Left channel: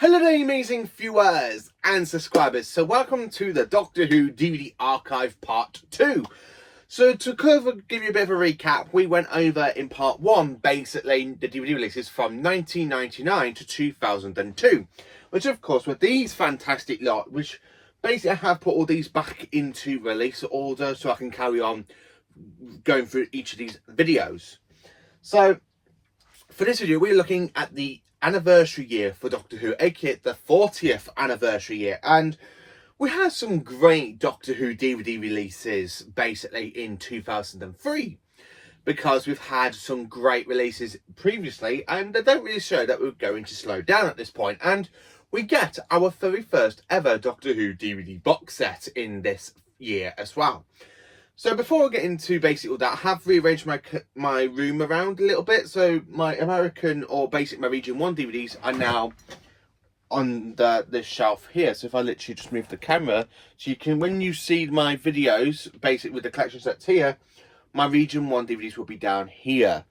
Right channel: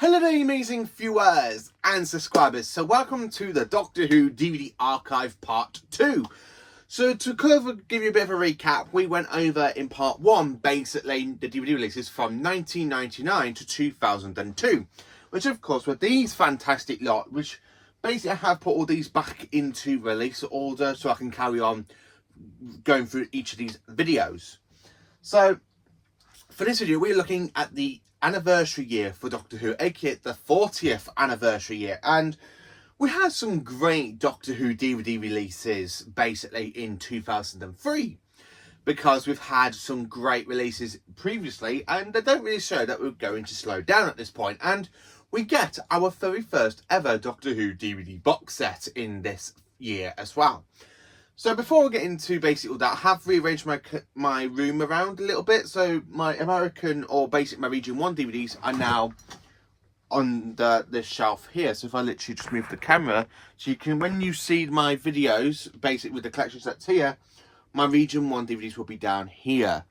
Hello there, amazing viewers and subscribers. So welcome to the Doctor Who DVD Archive Part 2. So to give you a bit of a recap, we went over in Part 1, basically, the DVD releases from 1999 to 2002. Which of course were these fantastic lot, which basically I have put all these back into release order so I can carry on going through each of these videos. So for this video, we're looking at the anniversary year for Doctor Who, aka the 40th anniversary year, and we had some great Doctor Who DVD releases basically in 2003 because we've had some great releases previously and they don't really show that we're going to slow down at this point, and we get our very first ever Doctor Who DVD box set in this year as well. So before we get into basically all that, I have rearranged my room around a little bit. So my American or basic my Region 1 DVDs are now on this shelf here. So if I literally just move the camera, so you can, when you see my videos, basically with the collection sets here, my Region 1 DVDs will be down here.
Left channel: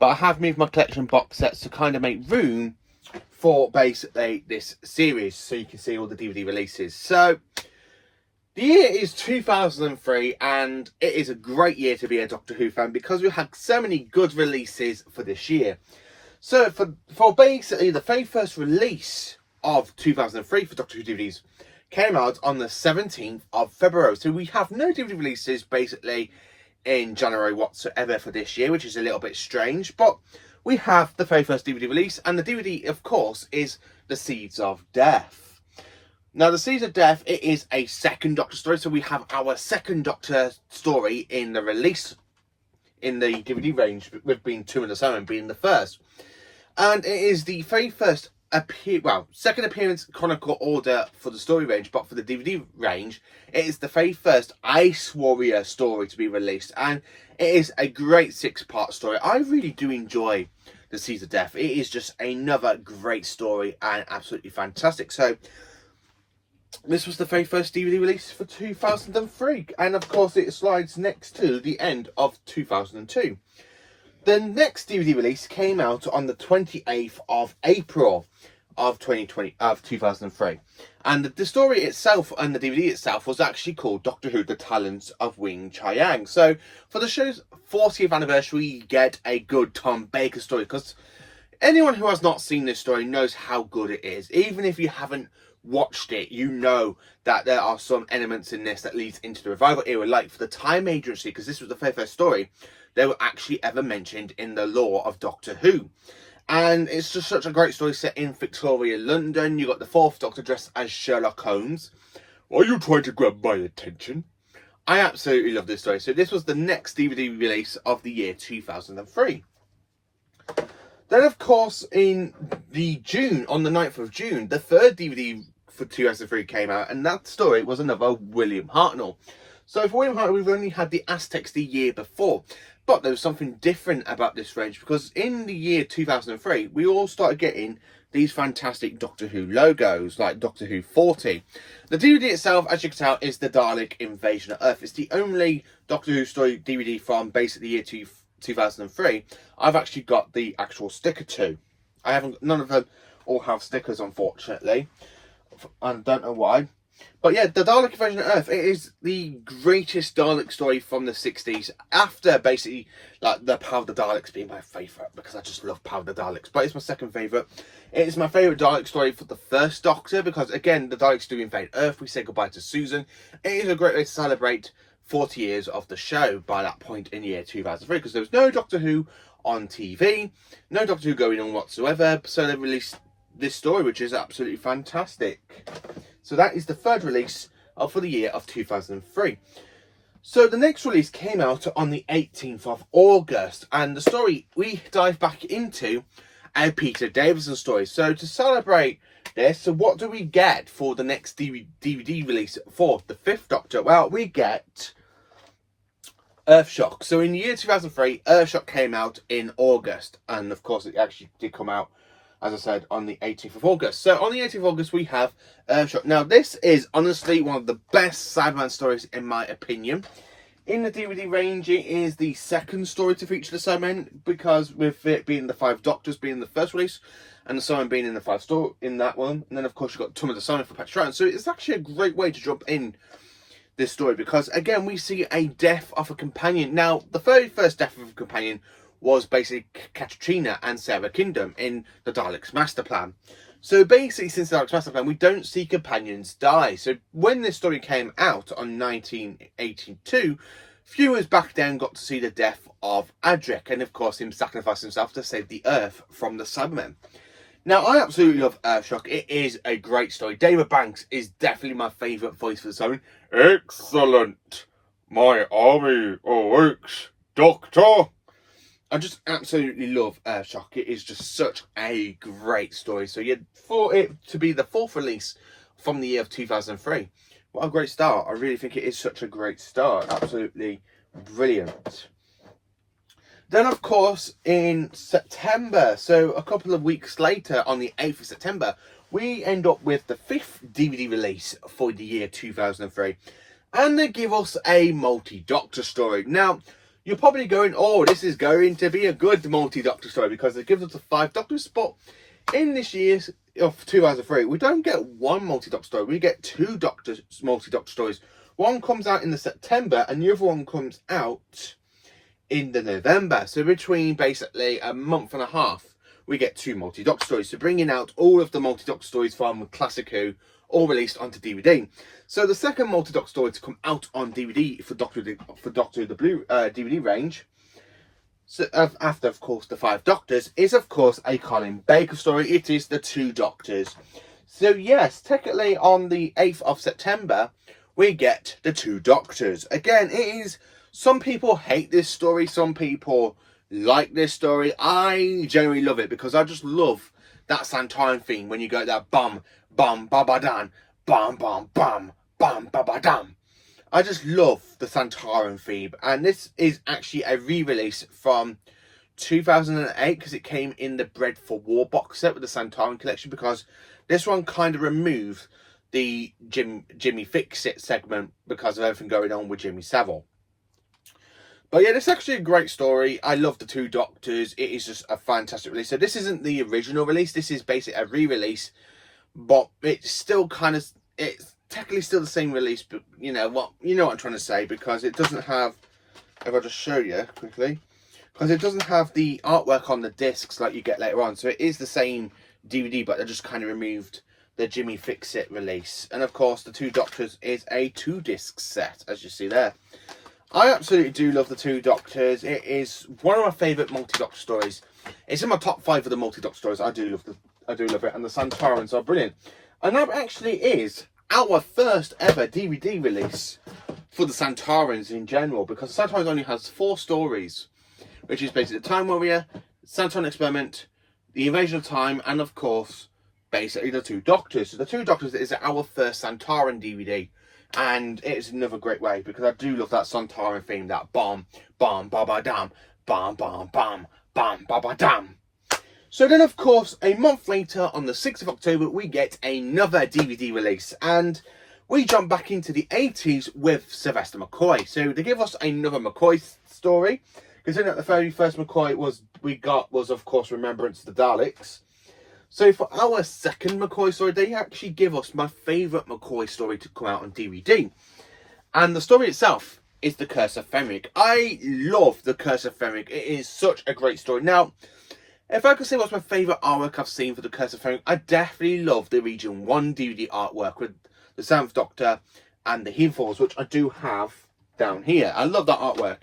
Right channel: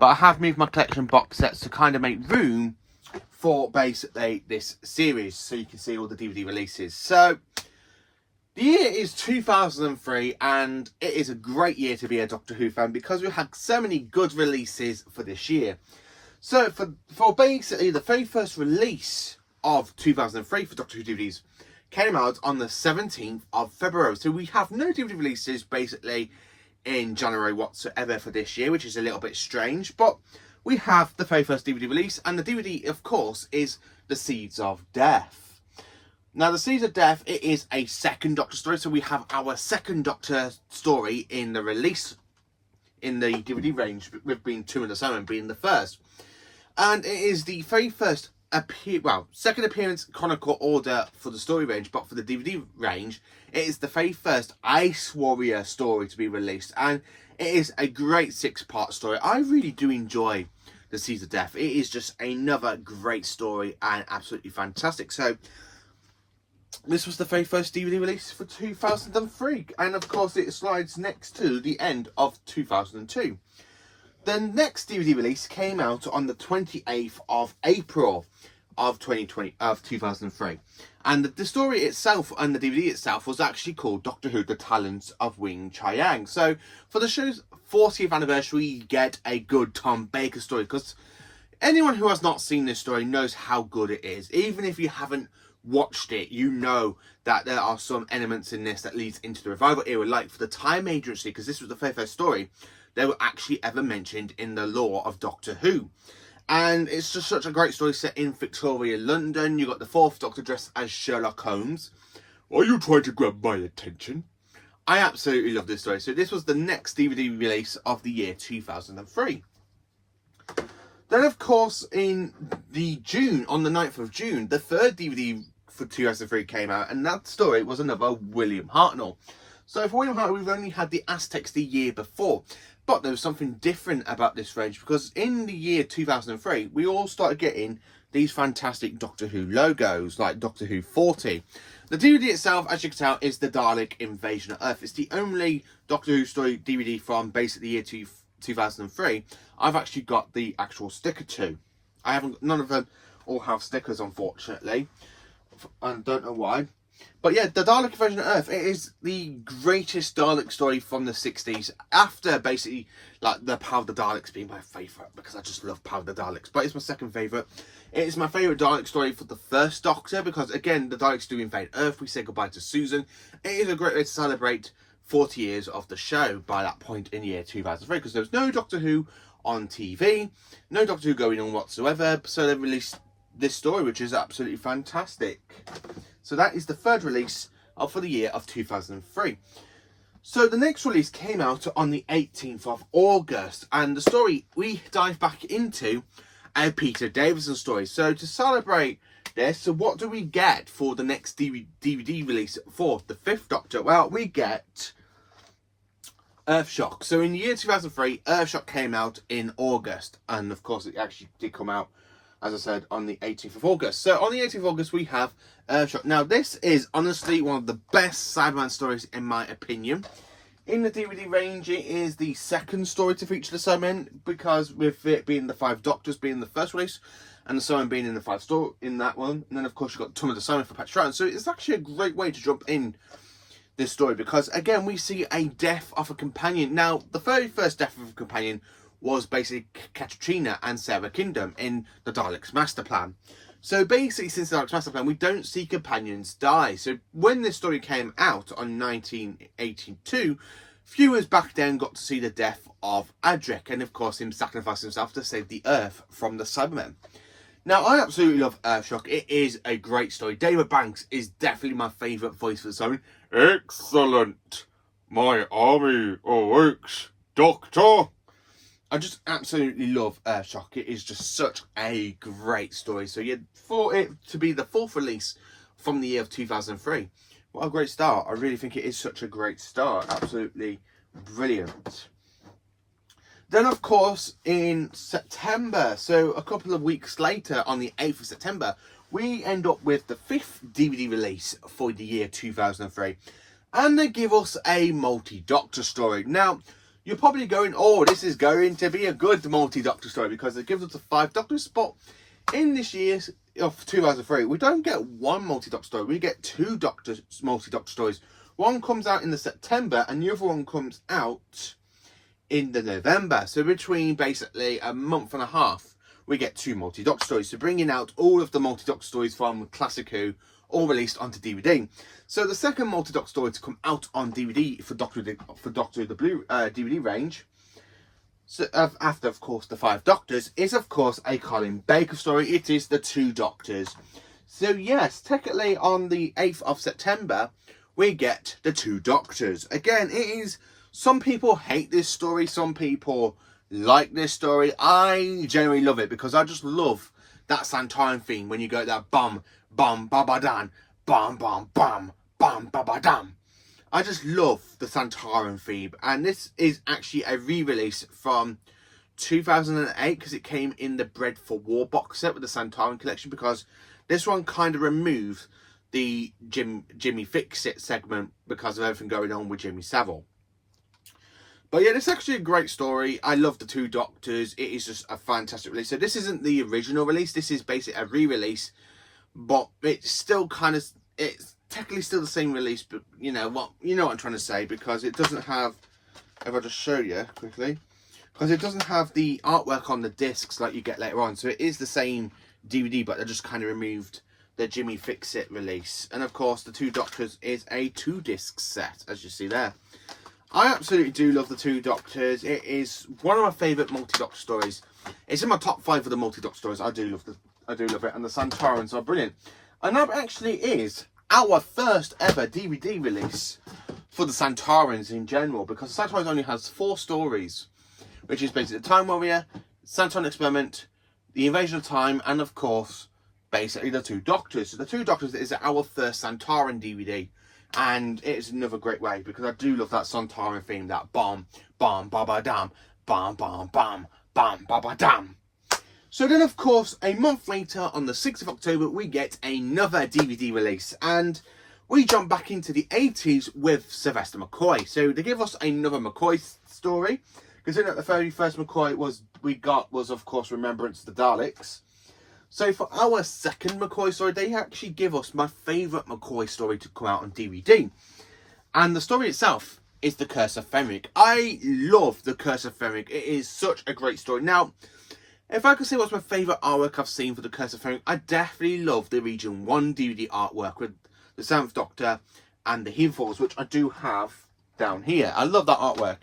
But I have moved my collection box sets to kind of make room for basically this series, so you can see all the DVD releases. So the year is 2003 and it is a great year to be a Doctor Who fan because we had so many good releases for this year. So for basically the very first release of 2003 for Doctor Who DVDs came out on the 17th of February. So we have no DVD releases basically in January whatsoever for this year, which is a little bit strange. But we have the very first DVD release, and the DVD, of course, is The Seeds of Death. Now, The Seeds of Death, it is a second Doctor story, so we have our second Doctor story in the release in the DVD range, with being 2 and 7 being the first. And it is the very first second appearance chronicle order for the story range, but for the DVD range, it is the very first Ice Warrior story to be released, and it is a great 6-part story. I really do enjoy The Seeds of Death. It is just another great story and absolutely fantastic. So this was the very first DVD release for 2003, and of course it slides next to the end of 2002. The next DVD release came out on the 28th of April of 2003, and the story itself and the DVD itself was actually called Doctor Who: The Talons of Weng-Chiang. So for the show's 40th anniversary, you get a good Tom Baker story, because anyone who has not seen this story knows how good it is. Even if you haven't watched it, you know that there are some elements in this that leads into the revival era, like for the Time Agency, because this was the very first story they were actually ever mentioned in the lore of Doctor Who. And it's just such a great story set in Victoria, London. You got the 4th Doctor dressed as Sherlock Holmes. Are you trying to grab my attention? I absolutely love this story. So this was the next DVD release of the year 2003. Then, of course, on the 9th of June, the 3rd DVD for 2003 came out, and that story was another William Hartnell. So for William Hartnell, we've only had the Aztecs the year before, but there was something different about this range, because in the year 2003, we all started getting these fantastic Doctor Who logos, like Doctor Who 40. The DVD itself, as you can tell, is the Dalek Invasion of Earth. It's the only Doctor Who story DVD from basically the year 2003 I've actually got the actual sticker to. None of them all have stickers, unfortunately. I don't know why. But yeah, the Dalek Invasion of Earth, it is the greatest Dalek story from the 60s. After basically, like, the Power of the Daleks being my favourite, because I just love Power of the Daleks. But it's my second favourite. It is my favourite Dalek story for the first Doctor, because again, the Daleks do invade Earth. We say goodbye to Susan. It is a great way to celebrate 40 years of the show by that point in year 2003, because there was no Doctor Who on TV, no Doctor Who going on whatsoever, so they released this story, which is absolutely fantastic. So that is the 3rd release for the year of 2003. So the next release came out on the 18th of August, and the story we dive back into a Peter Davison story. So to celebrate this, so what do we get for the next DVD release for the 5th Doctor? Well, we get Earthshock. So in the year 2003, Earthshock came out in August, and of course it actually did come out, as I said, on the 18th of August. So on the 18th of August, we have Earthshock. Now, this is honestly one of the best Cyberman stories, in my opinion. In the DVD range, it is the second story to feature the Cybermen, because with it being the 5 Doctors being the first release, and the Simon being in the 5 store in that one. And then of course you've got Tom of the Simon for Patrick. So it's actually a great way to jump in this story, because again we see a death of a companion. Now the very first death of a companion was basically Katrina and Sarah Kingdom in the Daleks Master Plan. So basically, since the Daleks Master Plan, we don't see companions die. So when this story came out on 1982, viewers back then got to see the death of Adric, and of course him sacrificing himself to save the Earth from the Cybermen. Now, I absolutely love Earthshock. It is a great story. David Banks is definitely my favourite voice for the Cybermen. Excellent! My army awaits, Doctor! I just absolutely love Earthshock. It is just such a great story. So yeah, for it to be the 4th release from the year of 2003, what a great start. I really think it is such a great start. Absolutely brilliant. Then of course in September, so a couple of weeks later on the 8th of September, we end up with the 5th DVD release for the year 2003. And they give us a multi-Doctor story. Now, you're probably going, oh, this is going to be a good multi-Doctor story because it gives us the 5 Doctors. But in this year of 2003, we don't get one multi-Doctor story. We get 2 multi-Doctor stories. One comes out in the September and the other one comes out in the November. So between basically a month and a half, we get 2 multi-Doctor stories. So bringing out all of the multi-Doctor stories from Classic Who, all released onto DVD. So the second multi-Doctor story to come out on DVD for Doctor Who the Blue DVD range, so after of course the 5 Doctors, is of course a Colin Baker story. It is the 2 Doctors. So yes, technically on the 8th of September, we get the 2 Doctors. Again, it is, some people hate this story, some people like this story. I generally love it because I just love that Santorin theme when you go that bum, bum, ba-ba-dan, bum, bum, bum, bum, ba-ba-dum. I just love the Santorin theme, and this is actually a re-release from 2008 because it came in the Bread for War box set with the Santorin collection, because this one kind of removed the Jimmy Fix-It segment because of everything going on with Jimmy Savile. But yeah, this is actually a great story. I love the 2 Doctors. It is just a fantastic release. So this isn't the original release. This is basically a re-release, but it's still kind of, it's technically still the same release, but you know what I'm trying to say, because it doesn't have, if I just show you quickly, because it doesn't have the artwork on the discs like you get later on. So it is the same DVD, but they just kind of removed the Jimmy Fix-It release. And of course, the 2 Doctors is a 2-disc set, as you see there. I absolutely do love the 2 Doctors. It is one of my favourite multi-Doctor stories. It's in my top 5 of the multi-Doctor stories. I do love it, and the Santorins are brilliant. And that actually is our first ever DVD release for the Santorins in general, because the Santorins only has 4 stories, which is basically the Time Warrior, Santorin Experiment, the Invasion of Time, and of course, basically the 2 Doctors. So the 2 Doctors is our first Santorin DVD. And it's another great way, because I do love that Santorin theme, that bomb, bomb, ba ba dam, bomb, bomb, bomb, bomb, ba ba dam. So then, of course, a month later, on the 6th of October, we get another DVD release, and we jump back into the 80s with Sylvester McCoy. So they give us another McCoy story, considering that the very first McCoy was of course Remembrance of the Daleks. So for our second McCoy story, they actually give us my favourite McCoy story to come out on DVD. And the story itself is The Curse of Fenric. I love The Curse of Fenric. It is such a great story. Now, if I could say what's my favourite artwork I've seen for The Curse of Fenric, I definitely love the Region 1 DVD artwork with the 7th Doctor and the He Falls, which I do have down here. I love that artwork.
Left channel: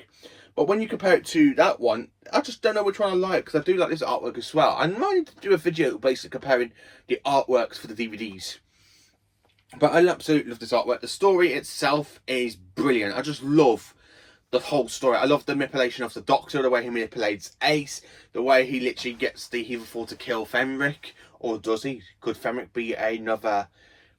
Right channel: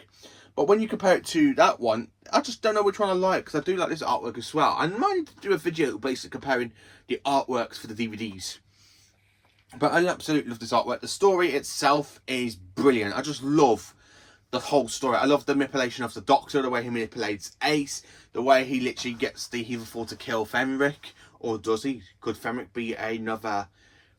But when you compare it to that one, I just don't know which one I like, because I do like this artwork as well. I might do a video basically comparing the artworks for the DVDs. But I absolutely love this artwork. The story itself is brilliant. I just love the whole story. I love the manipulation of the Doctor, the way he manipulates Ace, the way he literally gets the Heatherfall to kill Fenric. Or does he? Could Fenric be another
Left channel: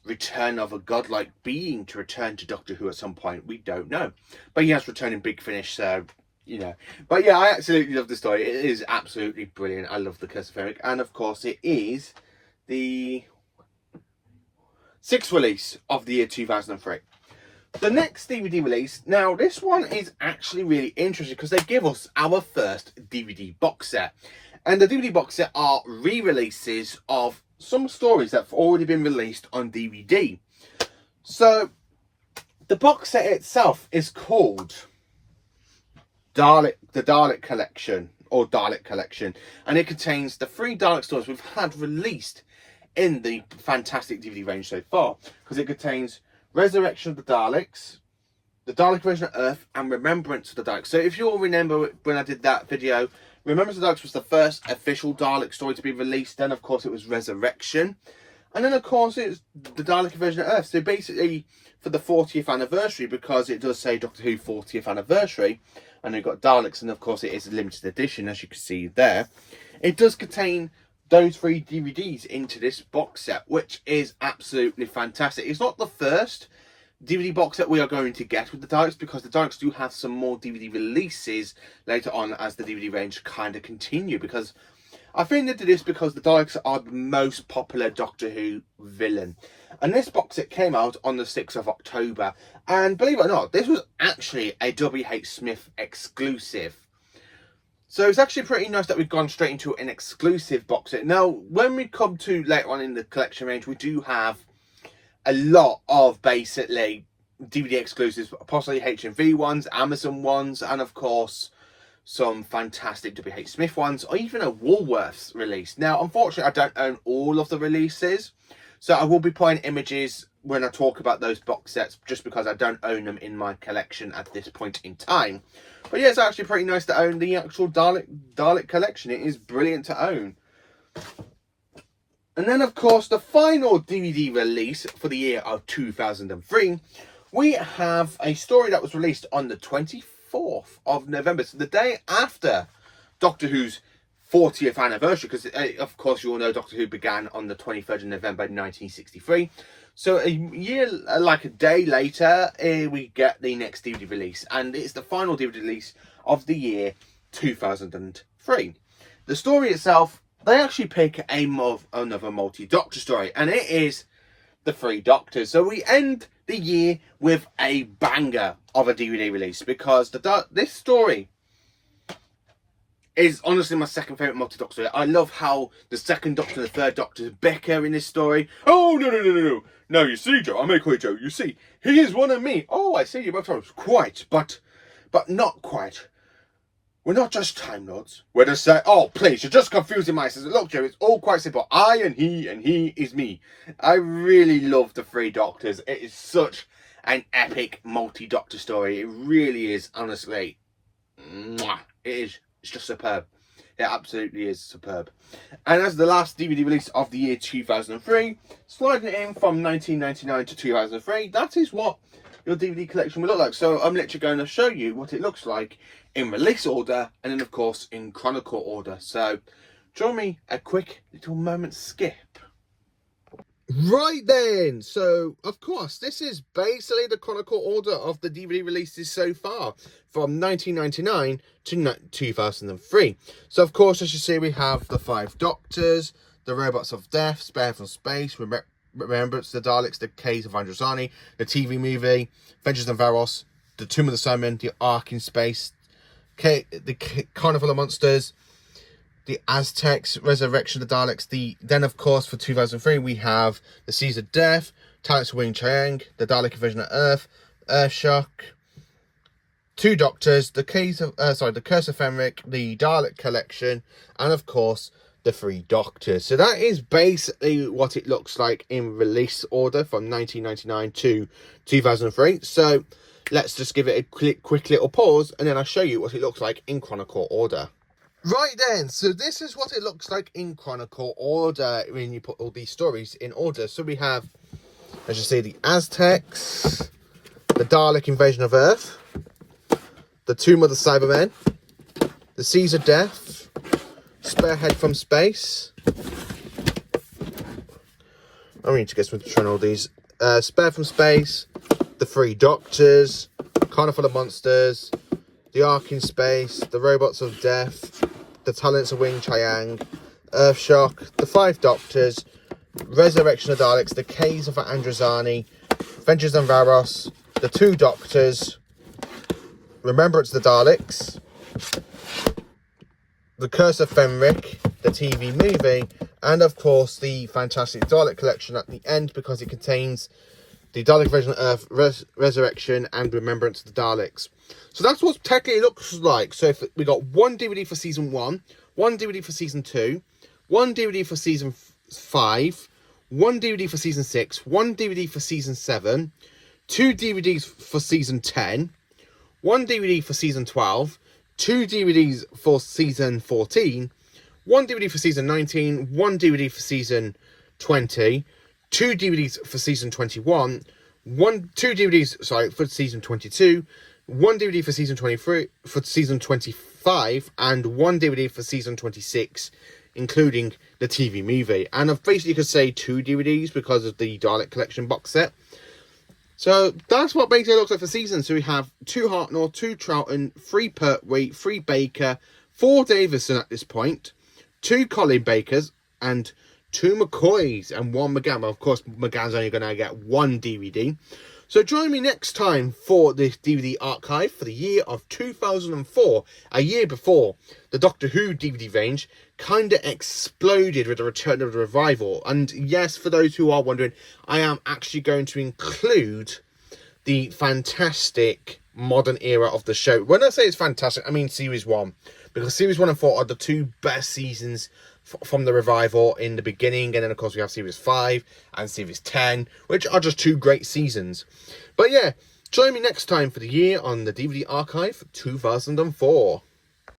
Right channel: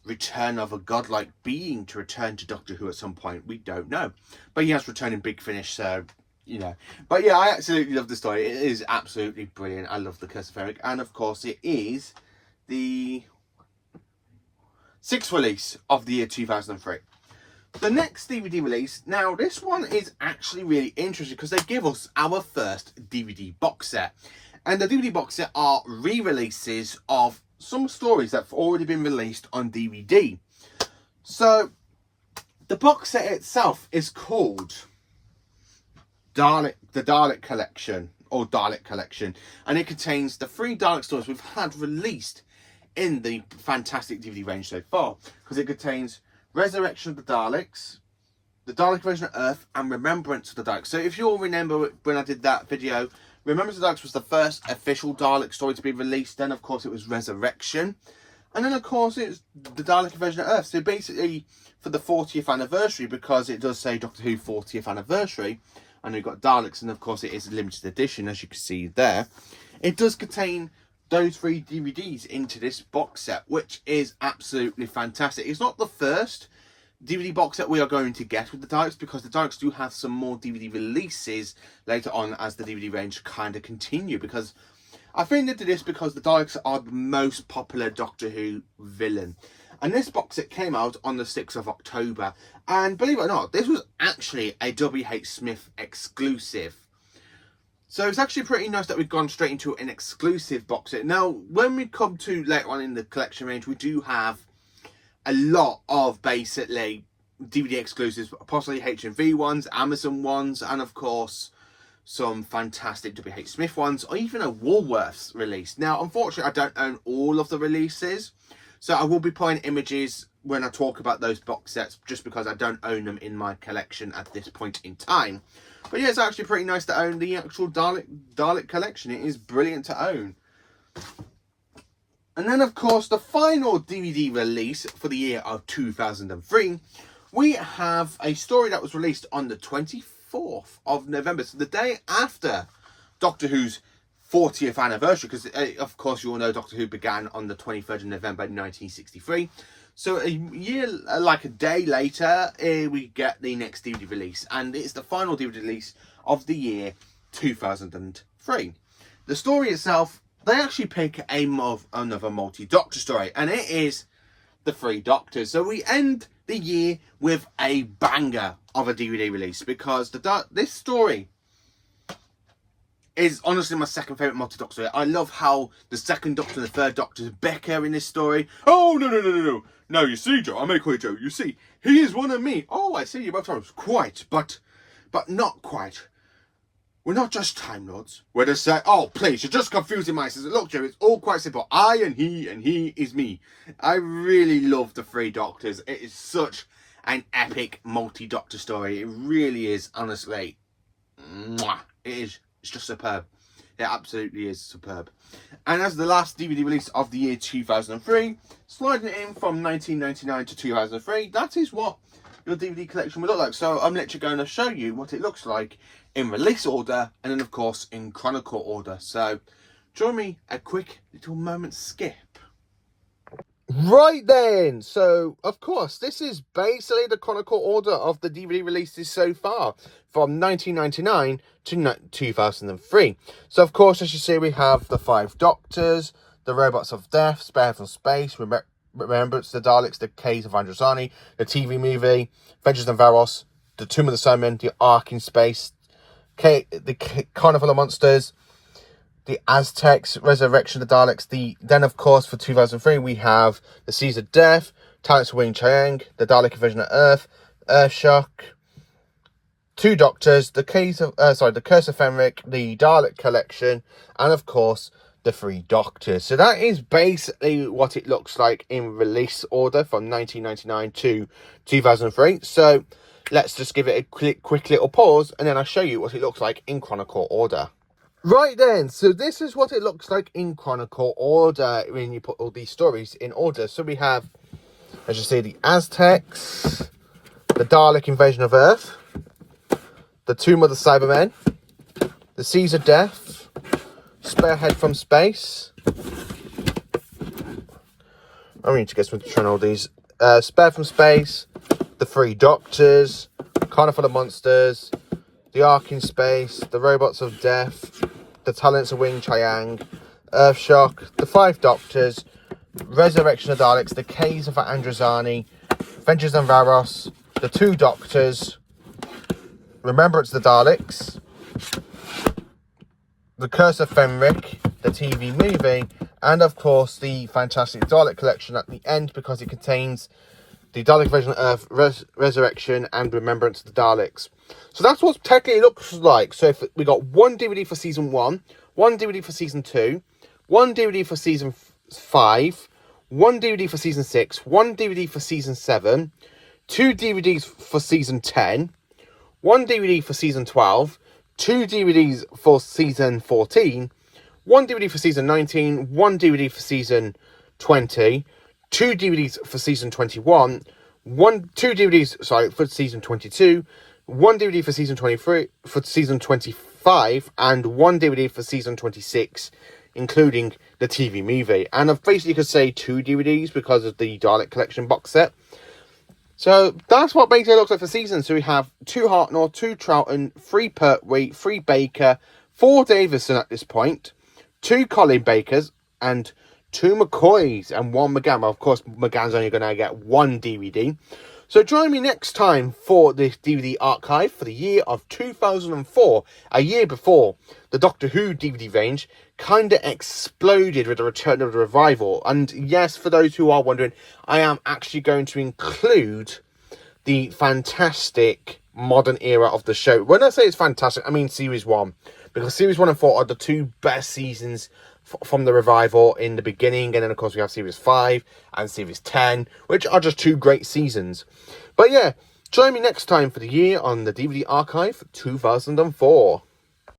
return of a godlike being to return to Doctor Who at some point? We don't know. But he has returned in Big Finish, so you know. But yeah, I absolutely love the story. It is absolutely brilliant. I love The Curse of Fenric. And of course, it is the 6th release of the year 2003. The next DVD release, now this one is actually really interesting because they give us our first DVD box set. And the DVD box set are re-releases of some stories that have already been released on DVD. So the box set itself is called the Dalek Collection, or Dalek Collection, and it contains the 3 Dalek stories we've had released in the fantastic DVD range so far, because it contains Resurrection of the Daleks, the Dalek Invasion of Earth, and Remembrance of the Daleks. So if you all remember when I did that video, Remembrance of the Daleks was the first official Dalek story to be released. Then, of course, it was Resurrection. And then, of course, it's the Dalek Invasion of Earth. So basically, for the 40th anniversary, because it does say Doctor Who 40th anniversary, and you've got Daleks, and of course it is a limited edition, as you can see there. It does contain those 3 DVDs into this box set, which is absolutely fantastic. It's not the first DVD box set we are going to get with the Daleks, because the Daleks do have some more DVD releases later on as the DVD range kind of continue, because I think they did this because the Daleks are the most popular Doctor Who villain. And this box set came out on the 6th of October. And believe it or not, this was actually a W.H. Smith exclusive. So it's actually pretty nice that we've gone straight into an exclusive box set. Now, when we come to later on in the collection range, we do have a lot of basically DVD exclusives, possibly HMV ones, Amazon ones, and of course some fantastic W.H. Smith ones, or even a Woolworths release. Now, unfortunately, I don't own all of the releases, so I will be putting images when I talk about those box sets, just because I don't own them in my collection at this point in time. But yeah, it's actually pretty nice to own the actual Dalek collection. It is brilliant to own. And then, of course, the final DVD release for the year of 2003, we have a story that was released on the 24th of November, so the day after Doctor Who's 40th anniversary, because of course you all know Doctor Who began on the 23rd of November 1963. So a year, like a day later, we get the next DVD release, and it's the final DVD release of the year 2003. The story itself, they actually pick another multi-Doctor story, and it is the 3 Doctors. So we end the year with a banger of a DVD release, because this story is honestly my second favourite multi-Doctor story. I love how the 2nd Doctor and the 3rd Doctor bicker in this story. Oh, no. No, you see, Joe, I may call you Joe. You see, he is one of me. Oh, I see, you both are quite, but not quite. We're not just Time Lords. We're just saying, oh, please, you're just confusing my sisters. Look, Joe, it's all quite simple. I and he is me. I really love the 3 Doctors. It is such an epic multi-Doctor story. It really is, honestly. Mwah. It's just superb. It absolutely is superb. And as the last DVD release of the year 2003, sliding in from 1999 to 2003, that is what your DVD collection will look like. So I'm literally going to show you what it looks like in release order, and then of course in chronicle order. So join me a quick little moment skip. Right then, so of course this is basically the chronicle order of the DVD releases so far from 1999 to 2003. So of course, as you see, we have the 5 Doctors, the Robots of Death, Spare from Space, Remembrance of the Daleks, the Case of Androzani, the TV movie, Vengeance on Varos, the Tomb of the Simon, the Ark in Space, the Carnival of Monsters, the Aztecs, Resurrection of the Daleks. Then, of course, for 2003, we have the Seas of Death, Talons of Weng-Chiang, the Dalek Invasion of Earth, Earthshock, 2 Doctors, the Curse of Fenric, the Dalek Collection, and of course the 3 Doctors. So that is basically what it looks like in release order from 1999 to 2003. So let's just give it a quick little pause, and then I'll show you what it looks like in chronicle order. Right then, so this is what it looks like in chronicle order when you put all these stories in order. So we have, as you see, the Aztecs, the Dalek Invasion of Earth, the Tomb of the Cybermen, the Seas of Death, Spearhead from Space. I need to get some control of all these. Spare from Space, the 3 Doctors, Carnival of Monsters, the Ark in Space, the Robots of Death, the Talents of Weng-Chiang, Earthshock, the 5 Doctors, Resurrection of Daleks, the Case of Androzani, Vengeance on Varos, the 2 Doctors, Remembrance of the Daleks, the Curse of Fenric, the TV movie, and of course the fantastic Dalek Collection at the end, because it contains the Dalek version of Earth, Resurrection and Remembrance of the Daleks. So that's what technically looks like. So if we got one DVD for season 1, one DVD for season 2, one DVD for season 5, one DVD for season 6, one DVD for season 7, 2 DVDs for season 10, one DVD for season 12, 2 DVDs for season 14, one DVD for season 19, one DVD for season 20, 2 DVDs for season 21, 2 DVDs, for season 22, one DVD for season 23, for season 25, and one DVD for season 26, including the TV movie. And I've basically could say 2 DVDs because of the Dalek Collection box set. So that's what basically looks like for season. So we have 2 Hartnell, 2 Troughton, 3 Pertwee, 3 Baker, 4 Davison at this point, 2 Colin Bakers, and 2 McCoys, and 1 McGann. Well, of course, McGann's only going to get 1 DVD. So join me next time for this DVD archive for the year of 2004, a year before the Doctor Who DVD range kind of exploded with the return of the revival. And yes, for those who are wondering, I am actually going to include the fantastic modern era of the show. When I say it's fantastic, I mean series 1, because series 1 and 4 are the 2 best seasons from the revival in the beginning, and then of course we have series 5 and series 10, which are just 2 great seasons. But yeah, join me next time for the year on the DVD archive 2004.